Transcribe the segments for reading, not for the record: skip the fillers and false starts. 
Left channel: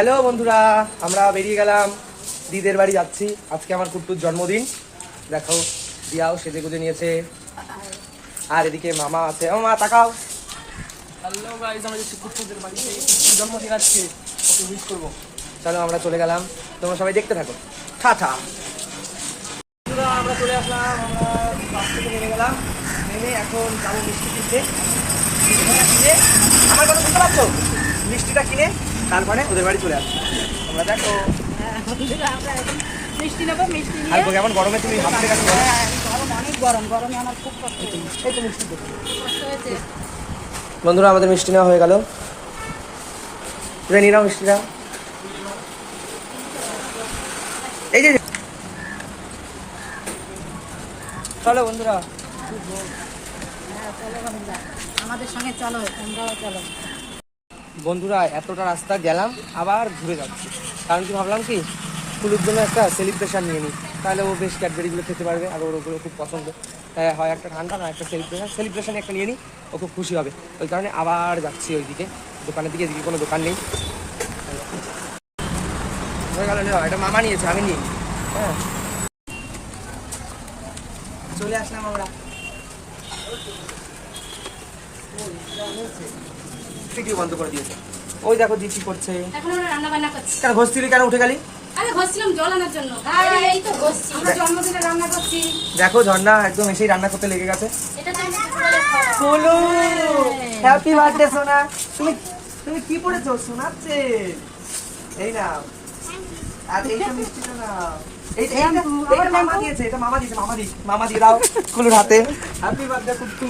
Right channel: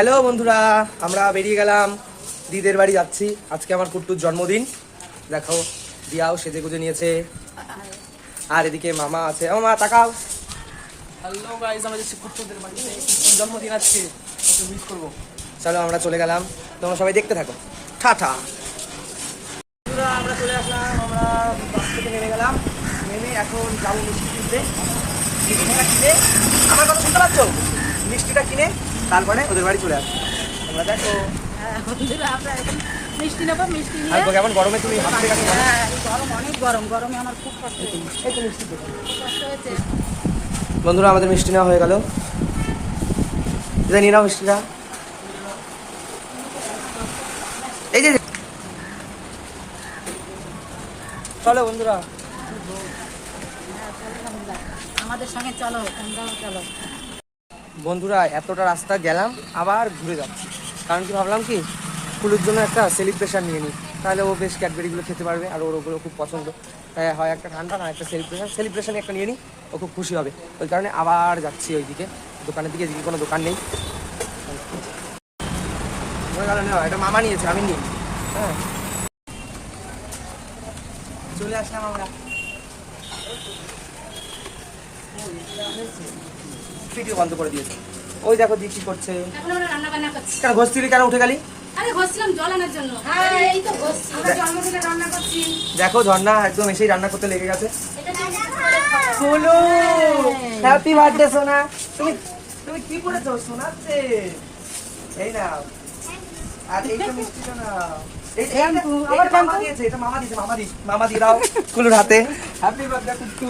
Hello বন্ধুরা, আমরা বেরিয়ে গেলাম দিদের বাড়ি যাচ্ছি। আজকে আমার কুট্টুর জন্মদিন। দেখো দিয়াও সেজে গুজে নিয়েছে, আর এদিকে মামা আছে। ও মা তাকাও। হ্যালো গাইস, আমাদের কুট্টুদের বাড়িতে জন্মদিন আজকে, ওকে উইশ করবো। চলো আমরা চলে গেলাম, তোমরা সবাই দেখতে থাকো। টাটা। আমরা চলে আসলাম, আমরা বাস থেকে নেমে গেলাম। নেমে এখন যাবো মিষ্টি কিনতে। মিষ্টিটা কিনে, আমার কথা শুনতে পাচ্ছ? মিষ্টিটা কিনে তারপরে ওদের বাড়ি চলে আসবো। তোমরা দেখো মিষ্টি নেবো, মিষ্টি নিয়ে আর কেমন গরমে তুমি হাত থেকে গরম, অনেক গরম, গরমে আমার খুব কষ্ট হয়েছে। এই তো মিষ্টি দেখো। কষ্ট হয়েছে। বন্ধুরা আমাদের মিষ্টি নেওয়া হয়ে গেল। নিয়ে নাও মিষ্টিটা। এই যে চলো বন্ধুরা, হ্যাঁ চলো বন্ধুরা, আমাদের সঙ্গে চলো, তোমরাও চলো। বন্ধুরা এতটা রাস্তা গেলাম, আবার ঘুরে যাচ্ছি। কারণ কি ভাবলাম কি, ফুলের জন্য একটা সেলিব্রেশন নিয়ে নিই, তাহলে ও বেশ ক্যাডবেরিগুলো খেতে পারবে, আর ওর ওগুলো খুব পছন্দ। তাই হয় একটা ঠান্ডা না একটা সেলিব্রেশন একটা নিয়ে নিই, ও খুব খুশি হবে। ওই কারণে আবার যাচ্ছি ওইদিকে দোকানের দিকে। এদিকে কোনো দোকান নেই। হয়ে গেল না, এটা মামা নিয়েছে, আমি নিই। হ্যাঁ চলে আসলাম আমরা। ভিডিও বন্ধ করে দিয়েছে। ওই দেখো দি কি করছে। এখন আমরা রান্না বান্না করছি। কেন ঘষছিলি, কেন উঠে গেলি? আরে ঘষছিলাম জল আনার জন্য। এই তো ঘষছি, আমরা জন্মদিনে রান্না করছি। দেখো ঝর্ণা একদম এসেই রান্না করতে লেগে গেছে। এটা তুমি বলো হ্যাপি বার্থডে সোনা। তুমি তুমি কি পড়েছো? শোনাচ্ছে। এই নাও, আর এই তো মিষ্টিটা নাও। এটা মামা দিয়েছে, এটা মামা দিয়েছে। মামা দিয়ে দাও কুলুর হাতে। হ্যাপি বার্থডে কুট্টু।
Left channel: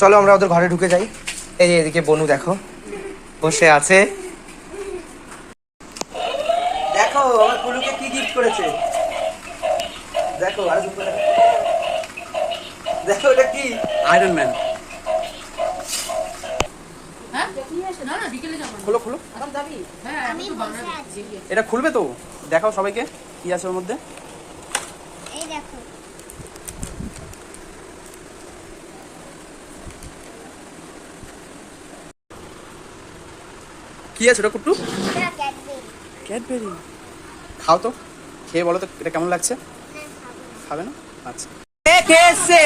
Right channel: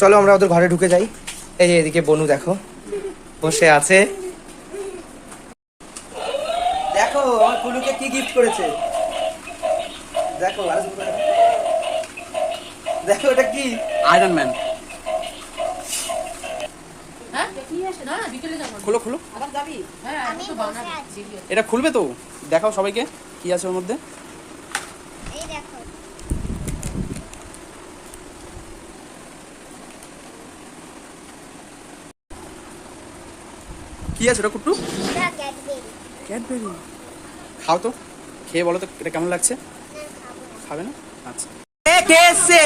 চলো আমরা ওদের ঘরে ঢুকে যাই। এই যে এদিকে বনু দেখো বসে আছে। দেখো আমার কুলুকে কি গিফট করেছে। দেখো আর দেখো এটা কি? Iron man. হ্যাঁ তুমি আসো না, বিকেলে যাব। খুলো খুলো, আবার যাবি? হ্যাঁ আমি বসে আছি। এটা খুলবে তো? দেখাও সবাইকে কি আছে ওর মধ্যে। এই দেখো, কি আছে ওটা কুট্টু? এটা ক্যাডবেরি। ক্যাডবেরি। খাও তো, খেয়ে বলো তো এটা কেমন লাগছে। না, খাবো না। খাবে না? আচ্ছা। কে এসছে?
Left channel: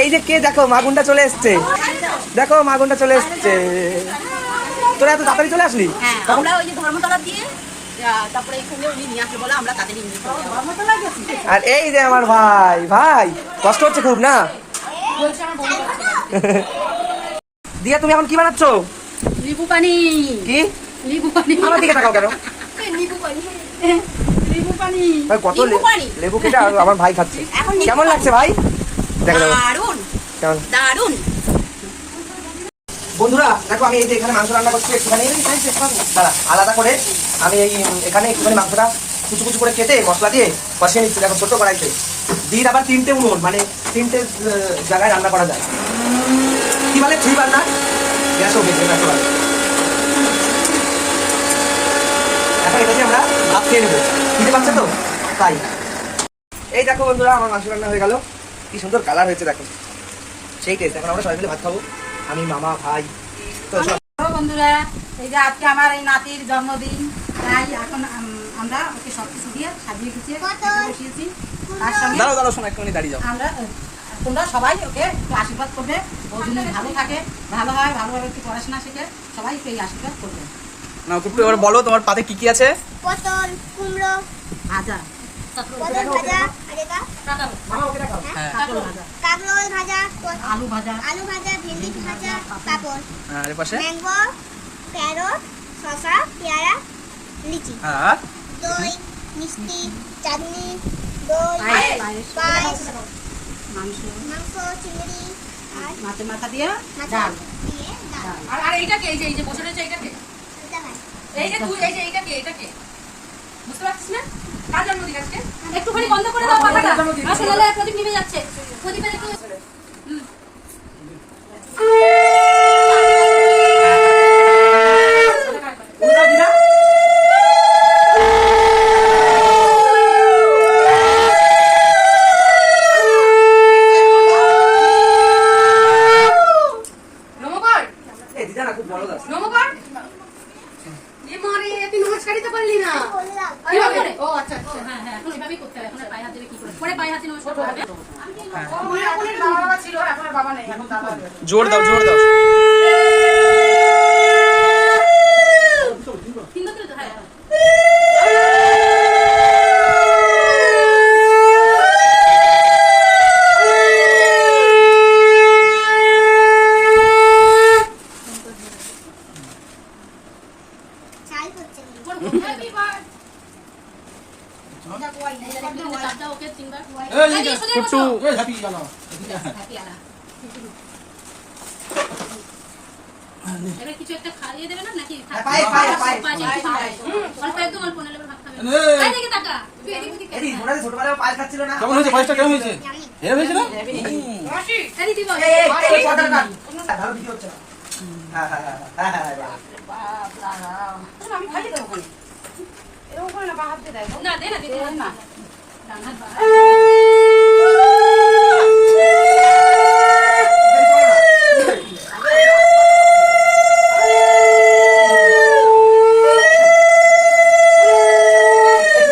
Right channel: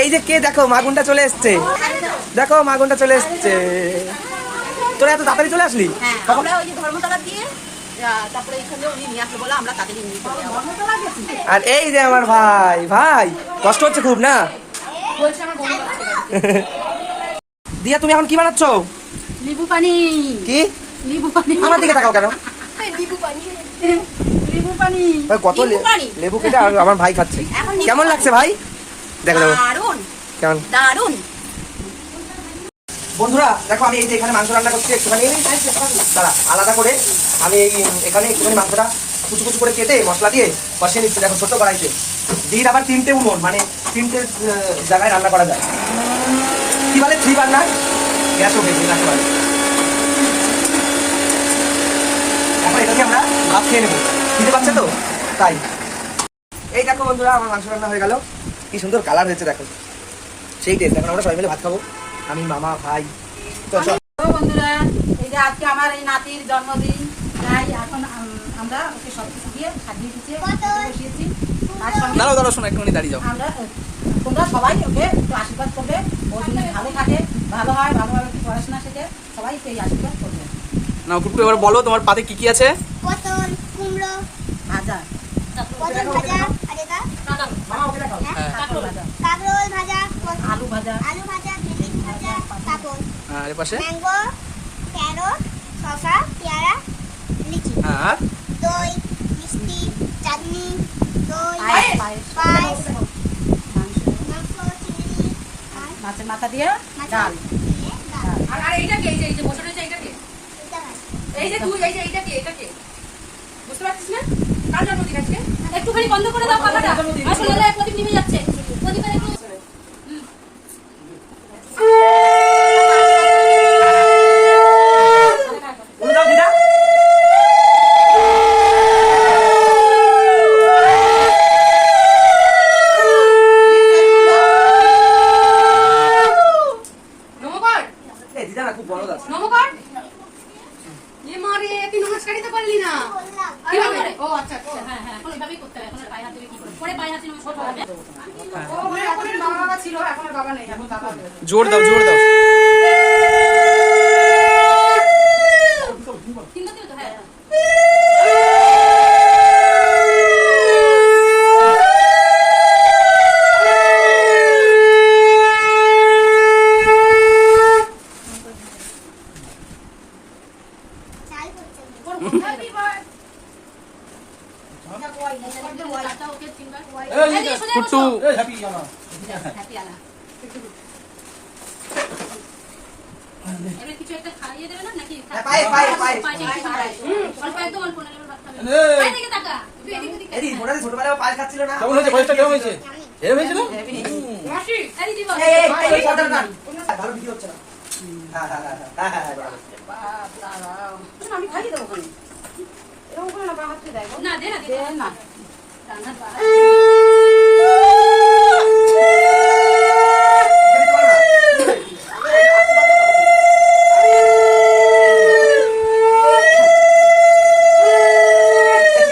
এই যে কে, দেখো মাগুনটা চলে এসছে। দেখো মাগুনটা চলে এসছে। তোরা এত তাড়াতাড়ি চলে আসলি? হ্যাঁ, আমরা ওই যে ধর্মতলা দিয়ে তারপরে এখানে উনি নিয়ে আসলে বলে আমরা তাদেরই নিয়ে চলে যাবো। ধর্মতলা গেছি। আর এই যে আমার ভাই, ভাই কষ্ট হচ্ছে খুব না? বলছি আমার বন্ধু আছে। দিয়া তুমি এখন কি বানাচ্ছ? লেবু পানি। কি? লেবু পানি। আমার দিকে তাকাও কেন? লেবু পানি। লেবু পানি। ভাই কত লেবু পানি। লেবু কেটে আমার ভাই খাচ্ছে। এখন লেবু কেমন পানি। লাগছে ভাই? দেখো দারুন, কেমন। দারুন। বন্ধুরা দেখো আমি এই যে এখানে মাংস রান্না করছি একটুখানি। দাঁড়া, আলাদা করে আমি এই এখানে একটুখানি মাংসটা কুচু কুচু করে কেটে মশলা দিয়ে কষিয়ে নিচ্ছি। দেখো ছোট কড়াইতে দিন, আবার 3টে উনুন, মানে 3টে জায়গায় রান্না করা যায়। কি বলে 3 বার্নার গ্যাসও বেশি না। এখন এটা দিয়ে আমরা ভাত খেয়ে নেবো। খেতে পাচ্ছে তো তাই। এই দেখো বন্ধুরা আমার মাংস রান্না হয়ে গেল। কি সুন্দর কালার হয়েছে দেখো, সেই টেস্ট। এখন আমরা সবাই মিলে ভাত খাবো, আমি মামা ভাই। তো চল। বন্ধুরা, এই যে আজকে আমার এই নাতির জন্মদিন, তাই এখন আমরা ওকে সবকিছু দিয়ে সাজিয়ে গুছিয়ে বসিয়েছি। তার সঙ্গে দাঁড়াও দাঁড়াও, শোনো একটুখানি দাঁড়িয়ে যাও। আমরা তোমরা সবাই ওকে একটু আশীর্বাদ করবে, বহুদিন ভালো থাকে, ভালো হয়, ভালোভাবে একটু পড়াশোনা শিখে সবাই একটু এই আশীর্বাদ করবে। না কুট্টু, এবার বলো তোমার পাতে কি কি আছে। পটল, কুমড়ো, ভাজা, পটল ভাজা, আর এটা মামা ওকে দেখাও। হ্যাঁ, কাঁকরোল ভাজা, কাঁকরোল ভাজা, আলু ভাজা, আলু ভাজা, ভেন্ডি ভাজা, পাপড়, আর এর পাশে ম্যাঙ্গো, ক্যারট, শসা, পেয়ারা, লিচি, আর দই, মিষ্টি, চাটনি, দই, পায়েস, পায়েস, মাংস, মাংস, চিংড়ি, আর মাছের মাথা দিয়ে মাছ ডাল। দিয়ে ডাল। আর এইটাকে এই যে বসে রয়েছে এইটাকে এটা খাই। এই যে তুই এই যে এইটাকে বুঝতে পারছিস না? কার জন্মদিন আজকে? একটুখানি বন্ধ করে দাও কথাটা। আসলে প্রদীপ নিভে যাচ্ছে। প্রদীপের একটু উল্টাও দিদা। নমস্কার। না খুব বড় দাস। নমস্কার এ মারে তুই নমস্কারই তো করলি না বললাম কিভাবে করে ও আচ্ছা আচ্ছা হ্যাঁ হ্যাঁ এখন এভাবেই করতে হবে এখন আর পায়ে হাত দিলে কি করে পরে পায়ে হাতে নমস্কার করবে এখন এর বাবা ছিল, এখন আর বাবা নেই, এখন দাদা। জোর দাও জোর দাও। তিনটা দিলে তো হ্যাঁ চাই হচ্ছে না। হ্যাপি বার্থডে ওকে তিনবার কুট্টু এই হ্যাপি জানা হ্যাপি আলা এবার কিছু একটা খাইয়ে দেবে না নাকি পায়ে, পায়ে, পায়ে। অল্প একদম অল্প নাহলে ভাত খাবে এই। পায়ে থেকে তাকা তুই এদিক ওদিক এদি মোটা ছোটবেলায় পায়ে খাচ্ছিল না। কেমন হয়েছে পায়েসটা কেমন হয়েছে হেভি হয়েছে না আরে দিবা এই এই পর্দাটা কাট। ভালো ভিডিও হচ্ছে না। হ্যাঁ হ্যাঁ হ্যাঁ হ্যাঁ হ্যাঁ। বাপ দাঁড়াও। আমি খাইয়ে দেবো ওখানে। এরকম করে না, পা হাত দিয়ে দেয়। না দে না দে না রান্নার বা এখানে চলো না।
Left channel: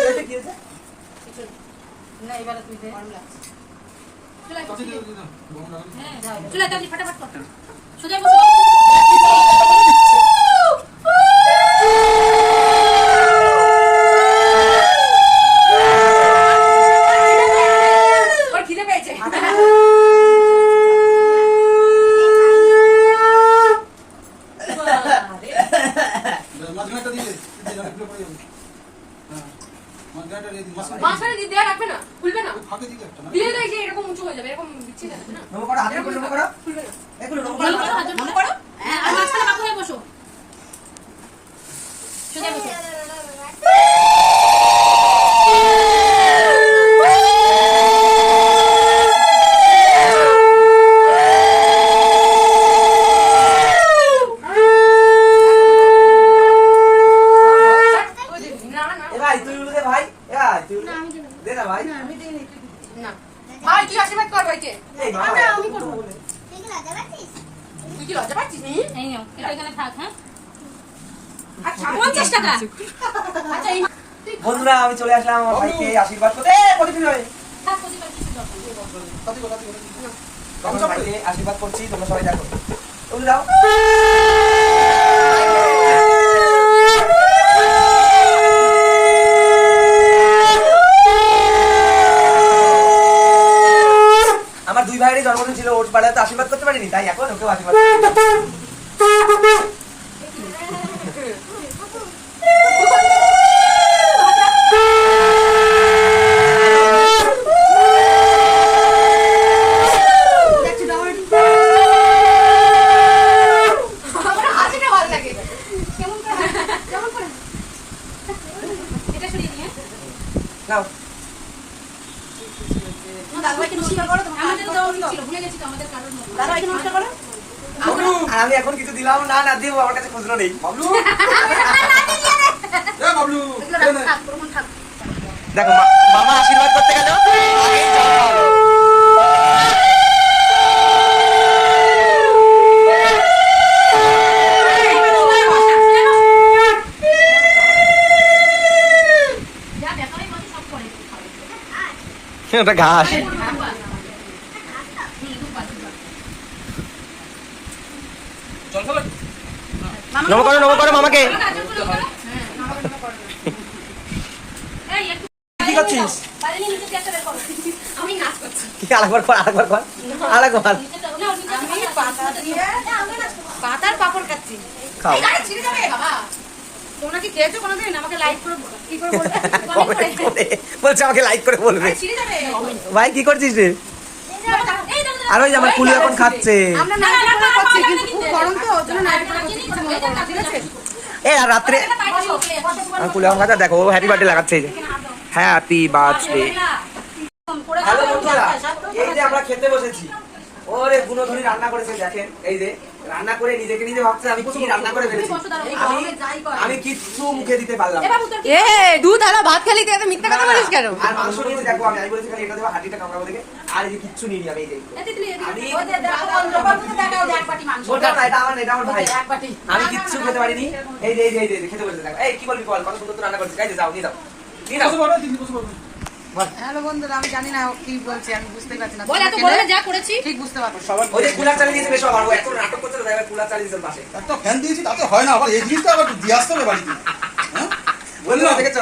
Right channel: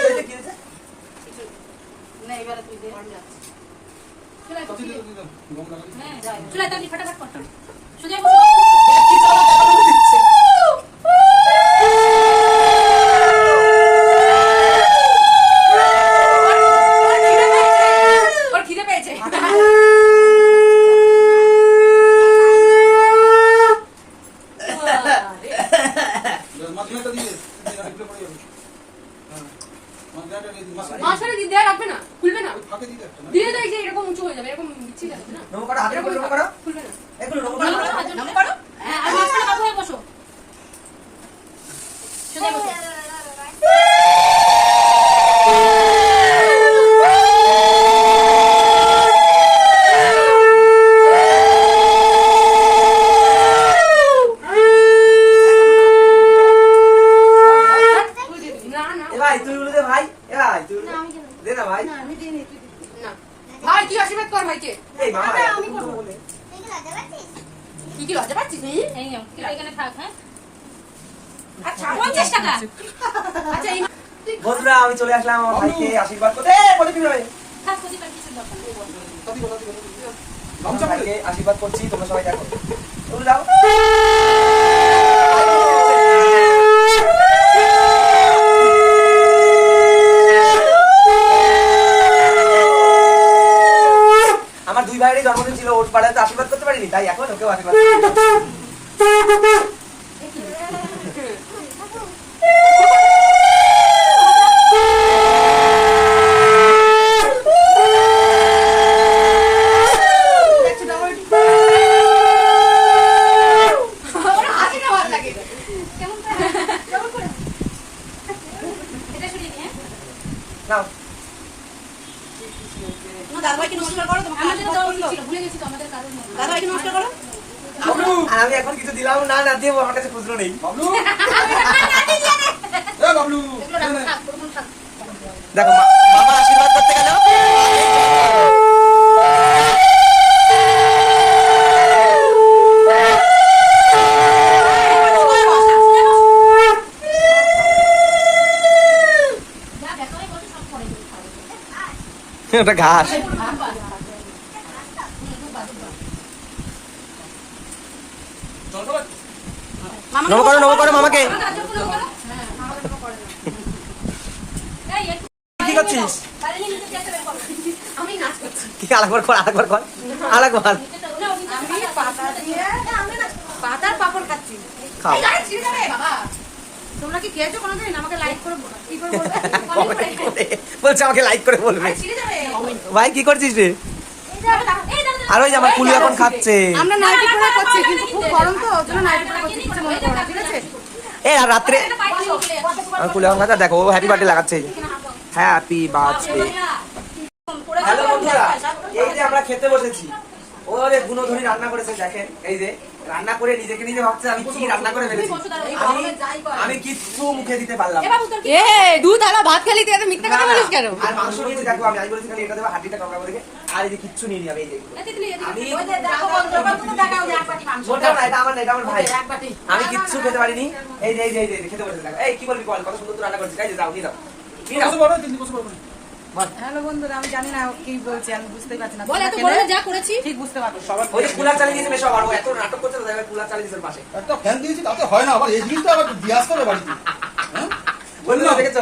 এটা কি হয়েছে? না, এবারে তুই দে। চলে কত দিয়ে দিও গম লাগা হ্যাঁ চলে তাড়াতাড়ি ফটাফট কর সোজা বসে ওর খিদে পেয়েছে মাঝখানটা দিয়ে এগুলো পড়ে যাবে হ্যাঁ মাঝখানটা দিয়ে দিন মাঝখানে দিয়ে দেয়া রাখবে না খুলবে না ফাঁকে দিয়ে একটা না দিয়ে তো এই যে এরকম উঁচু হয়ে যাবে এরকম বিচ্ছি যাবে না নমো করো, হাতের উপর নমো করো। খুলবে না এগুলো নমো ভালো করো। করে হাত জড়ো করো হ্যাঁ আর মাঝখানে বাবু হয়ে বসো সোজা বসো না না এ ভাই তুই উঠে দে ভাই। এ ভাই তুই উঠে না, আমি দেবো। দে না ভাই। আমি দিইনি, তুই দিবি। না ভাই কি আশীর্বাদ কর ভাইকে এই বাবা আমি আমি করবো। করব বলে। তুই কি লজ্জা পাচ্ছিস? তুই কি লজ্জা পাচ্ছিস এই নাও এটা এখানে থাক হ্যাঁ আচ্ছা 50 টাকা আচ্ছা এই বন্ধুরা আমি চলে আসলাম আমার ভাইকে আশীর্বাদ করতে। প্রতিদিন হয়। থাক প্রতিবার কিছু দরকার নেই কত কত আমার ভাইকে আশীর্বাদ করছি, তোমরা সবাই দেখো। ওগুলো দাও। আমার দুই ভাইয়েরই জন্মদিন ছিল, ওর পাড়ায় তো আশীর্বাদ করতে পারিনি, তাই এখন ওকেও আশীর্বাদ করছি। হাসিটা ভালো লাগে কেমন করে কেমন করে এটা সরিয়ে দিই হ্যাঁ নাও। দাদাভাইকে নমস্কার করো, তোমার আমাদের কাজ তো করো তো। ছিল ভুলে গেছি তো আমাদের কারোর মধ্যে দাদাভাইকে নমস্কার করো। আর আমি এখন কিছু দিলাম না, না দেবো, আমার কাছে খুচরো নেই। বাবলু এ বাবলু এগুলো রাখ থাক প্রথম থাক দেখো মামা আশীর্বাদ করতে গেল। যা দেখালে বসে সব করে ওটা ঘাস। চল খাবার নমো করো মামাকে। কি করছিস? আমি নাচ করছি কি আরেকবার কর, আরেকবার কর, আরেকবার আমি পাতা দিয়ে পাতার পাপড় খাচ্ছি। খাও। তোমরা কি খেয়েছো কোনোদিন? আমাকে লাইক করে কি করে বলবে? Comment করে। বলছে আমাকে লাইক করে বলবে। ছিঁড়ে যাবে ভাই কি করছিস রে? আর ওই যে আমার কুলু এখন খাচ্ছে। আমরা নাইটি পরে করছি, কিন্তু খুব গরম তো, ওর জন্য নাইটি পরে করছি, কিছু মনে করো না, ঠিক আছে? এ আর রাত্রে আমার কুলু এখন খাচ্ছে, দেখো ও হ্যাপি বার্থডে লাগাচ্ছে এই যে। Happy birthday. হ্যালো বন্ধুরা, এই যে আমরা খেতে বসেছি। ওরে গুণধনী রান্না করেছে দেখেন, এই যে রান্না করে নিজেকে নিজে ভাবছে আমি কি রান্না করে ফেলেছি। আমি কিচ্ছু মুখে দিতে পারলাম না। এ দুধ আর ভাত খালি তুই এত মিথ্যা কথা বলিস কেন? আর মাংস নিয়েছে দেখো, আমি বলেছি খালি এটা দেবো, হাড়িটা কামড়াবো দেখে। আর এই যে কিচ্ছু নিয়ে আমি এই যে আমি ওটা না, এটা আমার না, এটা আমার ভাই। আমি কিচ্ছু খেতে পারিনি। এই যে খেতে বসেছে দেখো। এই কি বলবি বল, কত সুন্দর তো রান্না করেছিস। এই যে যাও নিয়ে যাও নিয়ে যাও। হ্যালো বন্ধুরা, আমি জানি না ও কি বলছে, আমি বুঝতেই পারছি না। বল এত বড় যা করেছি ঠিক বুঝতে পারছি। ওই যে কুলার চালিয়ে দিয়েছে বেশ, আবার ও এখন নাটক করছে না, কুলার চালিয়ে দিয়েছে পাশে। একটা ফ্যান দিয়েছি তাতে হয় না, আবার এই জিনিসটা আবার দিয়ে আসতে হবে বাড়িতে। হ্যাঁ বন্ধুরা দেখেছো,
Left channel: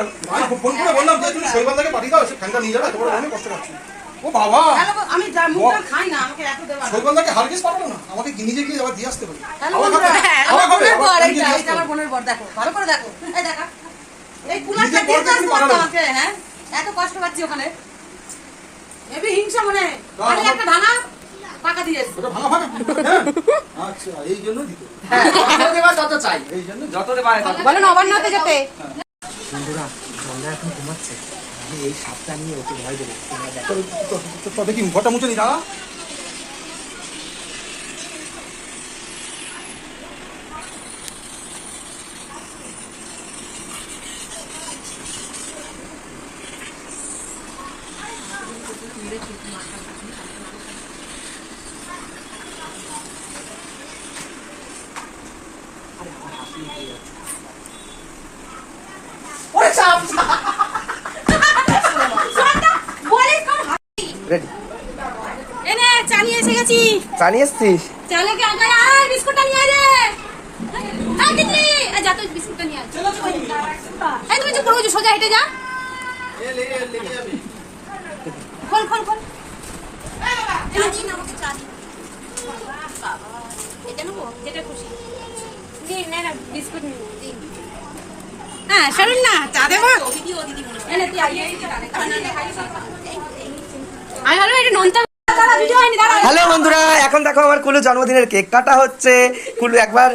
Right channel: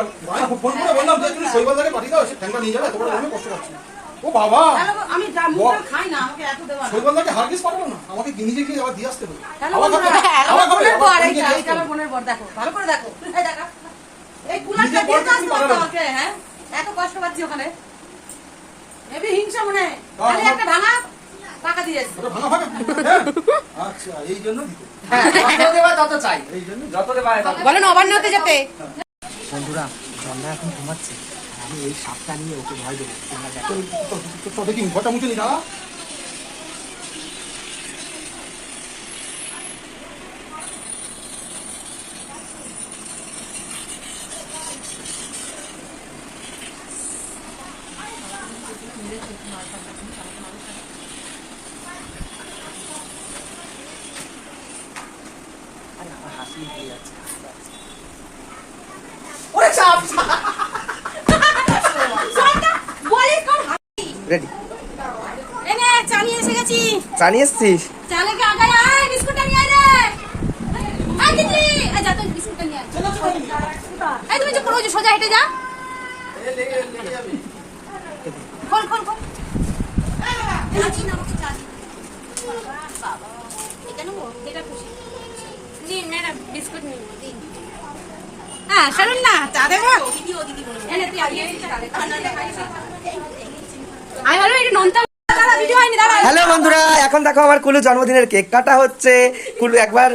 ফোন করে বললাম যে তুমি শৈবালদাকে পাঠিয়ে দাও, সে ফ্যানটা নিয়ে যাবে, তোমার অনেক কষ্ট পাচ্ছি। ও বাবা, হ্যালো, আমি যা মুখটা খাই না, আমাকে এত দেওয়া না। শৈবালদাকে হারগিস পাঠাবো না, আমাকে নিজে গিয়ে আবার দিয়ে আসতে হবে। হ্যালো আমার বন্ধুরা, কাছে- আমার আমার বোনের বর, কাছে- এইটা নিজে এইটা আমার বোনের বর, দেখো ভালো করে দেখো, এই দেখো এই নিজে কুলারটা বর দিয়ে দেখি আসতে পাঠানো। আমাকে, হ্যাঁ এত কষ্ট পাচ্ছি ওখানে। এবি হিংসা মনে হয়। দাও, আমি আমার- একটা ভাঙা পাকা দিয়ে এসেছি। ওটা ভাঙা ভাঙা হ্যাঁ? আচ্ছা, এই জন্য দিতে, যত দেবা তত চাই, এই জন্য যত দেবা তত। বলো নবান্নতে যেতে। বন্ধুরা ঝর্ণা এখন ঘুমাচ্ছে, আমি এই সাপটা নিয়ে ওকে ভয় দেবো। তো দেখি ঘরটা মুছে নি দাঁড়া। ওরে সাপ, বলিস কর। রেডি এনে চা নিয়ে এসে গেছি। জানিয়ে এসছিস? চালে কে আগে আয়, বিস্কুটটা নিয়ে আয় রে। আয় দিদি, আয় যা তো বিস্কুটটা নিয়ে আয়। এই তুমি যে পুরো যে সোজা হেঁটে যা। খোল খোল খোল। এই দিন আমাকে চা দিন। বাবা, এটা নেবো, যেটা খুশি। দিন ম্যাডাম বিস্কুট নিন দিন। হ্যাঁ শুনুন না, চা দেবো। এনে তুই আইয়ে আয় হলো এটা নোনতা ভিডিও হয়নি দাঁড়া। হ্যালো বন্ধুরা, এখন দেখো আমার কুলু জন্মদিনের কেক কাটা হচ্ছে। কুলু একবার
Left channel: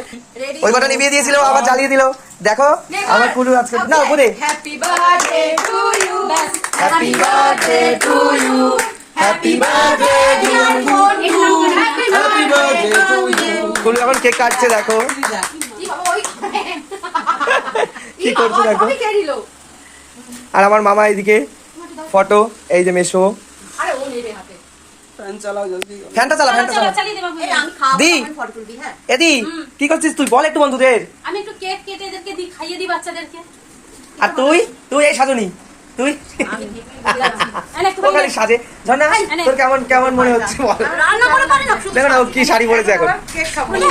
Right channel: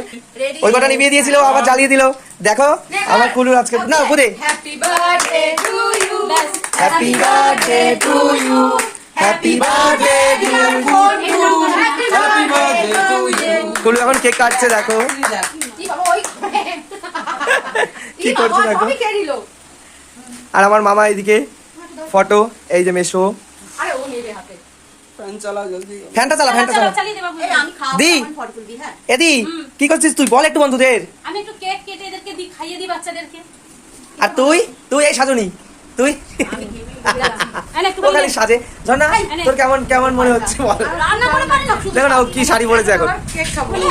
ওই কটা নিভিয়ে দিয়েছিল, আবার জ্বালিয়ে দিল। দেখো আমার কুলু আজকে না বুঝে happy birthday to you, happy birthday to you, happy birthday to you, happy birthday to you. Kulu এখন কেক কাটছে দেখো, কি বাবা ওই কি করছে দেখো। আমি কে দিলো? আর আমার মামা এদিকে ফটো, এই যে মেশো। আরে ও নেবে হাতে। ফ্যানটা চালা, ফ্যানটা চালা। চালিয়ে দেব বুঝি। আমি দি ফটো তুলবি, হ্যাঁ এদি কি করছিস তুই, বল একটু বন্ধুদের। আমি একটু কেক কেটে এদেরকে দি, খাইয়ে দি বাচ্চাদেরকে। আর তুই তুই এই সাজনি তুই এনে একটু ও খালি সাজে। ঝর্ণা তোর কেমন কেমন মনে হচ্ছে বল। রান্না করে পারি না। দেখো না ও কি শাড়ি পরেছে এখন। কেক খাবো। এমন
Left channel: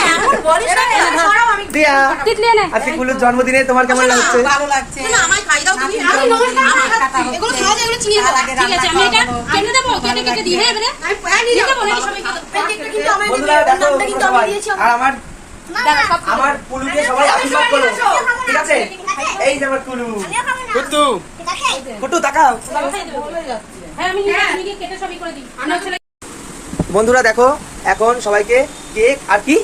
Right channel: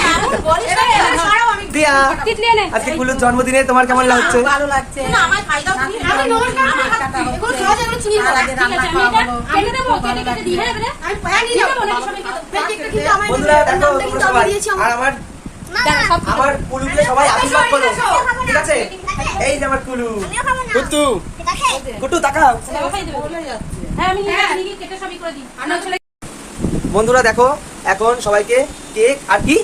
বলিস না, এনে ছাড়াও আমি। দিয়া তিতলি এনে। আজকে কুলুর জন্মদিনে তোমার কেমন লাগছে? ভালো লাগছে। আমায় খাই দাও তুমি। আমি নমস্কার। এগুলো সহজ, এগুলো চিনিয়ে দাও। ঠিক আছে, আমি এটা কেটে দেবো, কেটে কেটে দিয়ে হ্যাঁ এবারে। আমি হ্যাঁ নিয়ে যাবো নাকি সবাইকে দাও। বন্ধুরা দেখো তোমরা সবাই, আর আমার দাঁড়া সব আমার কুলুকে সবাই আশীর্বাদ করো, ঠিক আছে? এই যে আমার কুলু। কুটু কুটু তাকাও। বাবা খাই দেবো। হ্যাঁ আমি নিয়ে কেটে সবই করে দিই। আমার ছেলে বন্ধুরা দেখো এখন সবাইকে কেক আর কি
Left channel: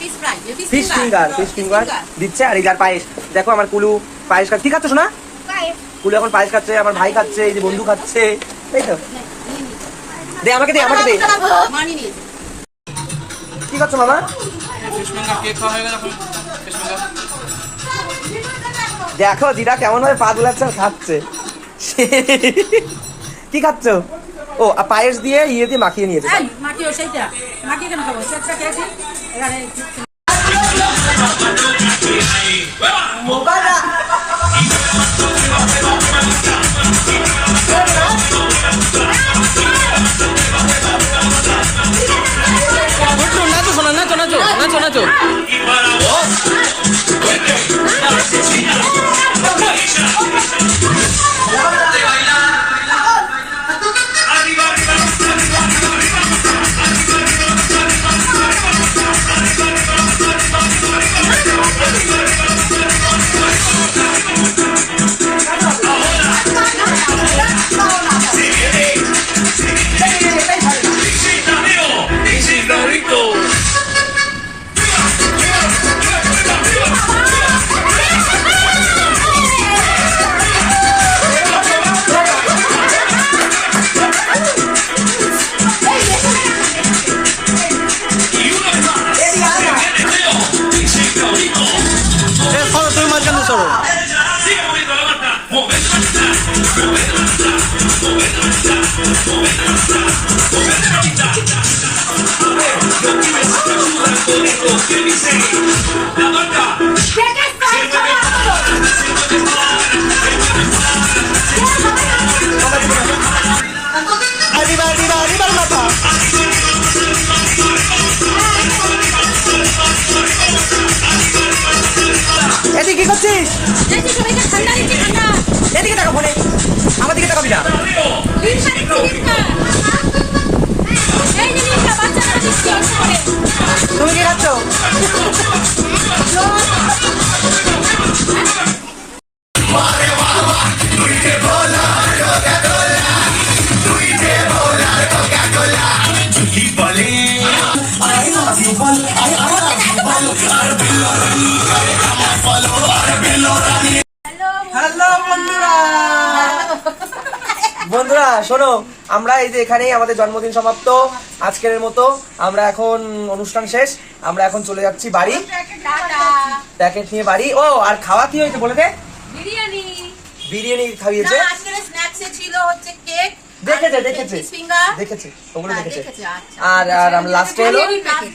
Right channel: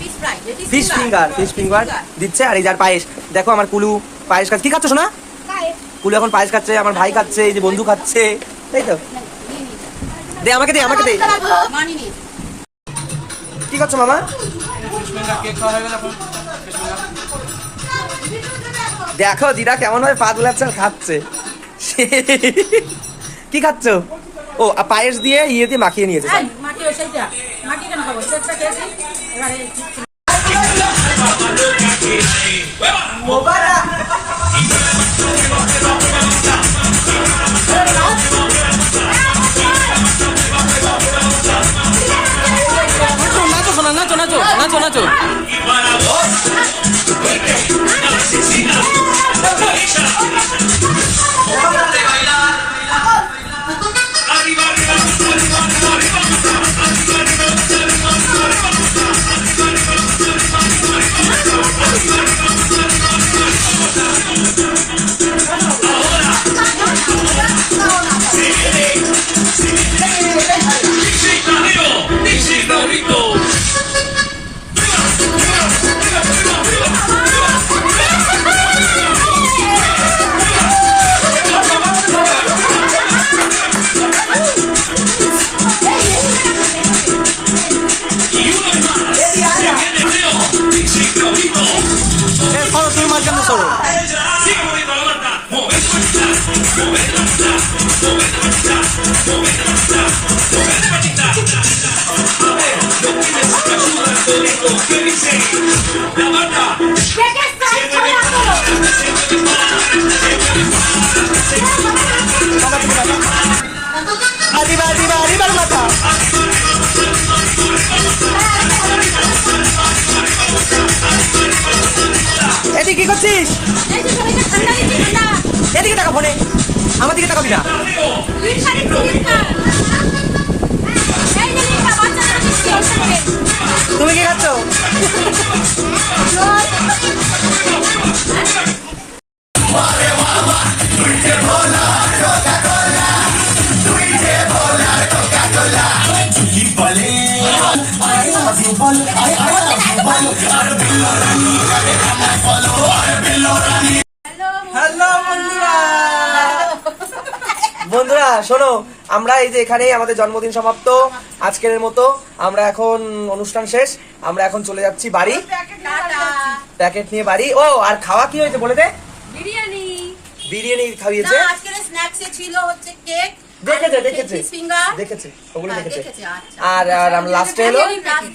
ফিশ ফ্রাই, ফিশ ফিঙ্গার দিচ্ছে। আর এই যার পায়েস দেখো, আমার কুলু পায়েস খাচ্ছে। কি খাচ্ছ শোনা? কুলু এখন পায়েস খাচ্ছে, আমার ভাই খাচ্ছে, এই যে বন্ধু খাচ্ছে। এই তো দে আমাকে দে, আমাকে দে। মানি নি। কি করছো মামা? দেখো দিদা কেমন ভাবে পা দুলাচ্ছে আর খাচ্ছে। কি খাচ্ছ? ও পায়েস দিয়ে ইয়ে দিয়ে মাখিয়ে নিয়েছে। এই মাখিও সেইটা। মাখি কেন খাবো? সেটা খেয়েছি। এবারে নাচো শোনা, নাচো নাচো নাচো নাচো। মাঝখানে সরো। দিবার মাথা। এদিকে কি করছিস? এই যে সবাইকে ঠান্ডা দিচ্ছি, ঠান্ডা। এদিকে টাকা ফোনে, আমার দিকে টাকা দিনা। লিমকা দিচ্ছি, লিমকা। এই যে লিমকা, বাচ্চাদের দিচ্ছি অল্প করে। তুমি কি খাচ্ছ? জল। হ্যালো বন্ধুরা, বন্ধুরা শোনো, আমরা এই যে এখানেই আমাদের জন্মদিন সমাপ্ত আজকের মতো। আমরা এখন অনুষ্ঠান শেষ, আমরা এখন চলে যাচ্ছি বাড়ি, টাটা। প্যাকেট নিয়ে বাড়ি। ও আর খাওয়া কি হয়েছে বলে দে। বিরিয়ানি। বিরিয়ানি খাইয়েছে। না, আজকের স্ন্যাক্সে ছিল হচ্ছে কেক, দেখেছে ফিঙ্গার। দেখেছে, ওগুলো হ্যাঁ, দেখেছে। দেখেছে, আচ্ছা। আর আর আমরা লাস্টে হলো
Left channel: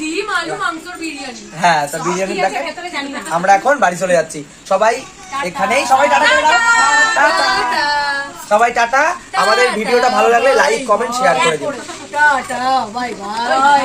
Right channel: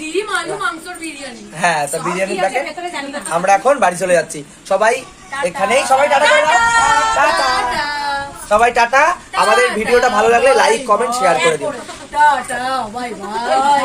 ডিম, আলু, মাংসর বিরিয়ানি। হ্যাঁ, তো বিরিয়ানি কি আছে প্যাকেট। ভেতরে জানি না। আমরা এখন বাড়ি চলে যাচ্ছি। সবাই এখানেই, সবাই টাটা করে দাও। টাটা। সবাই টাটা। আমাদের ভিডিওটা ভালো লাগলে লাইক, কমেন্ট, শেয়ার করে দিন। Tata, bye bye.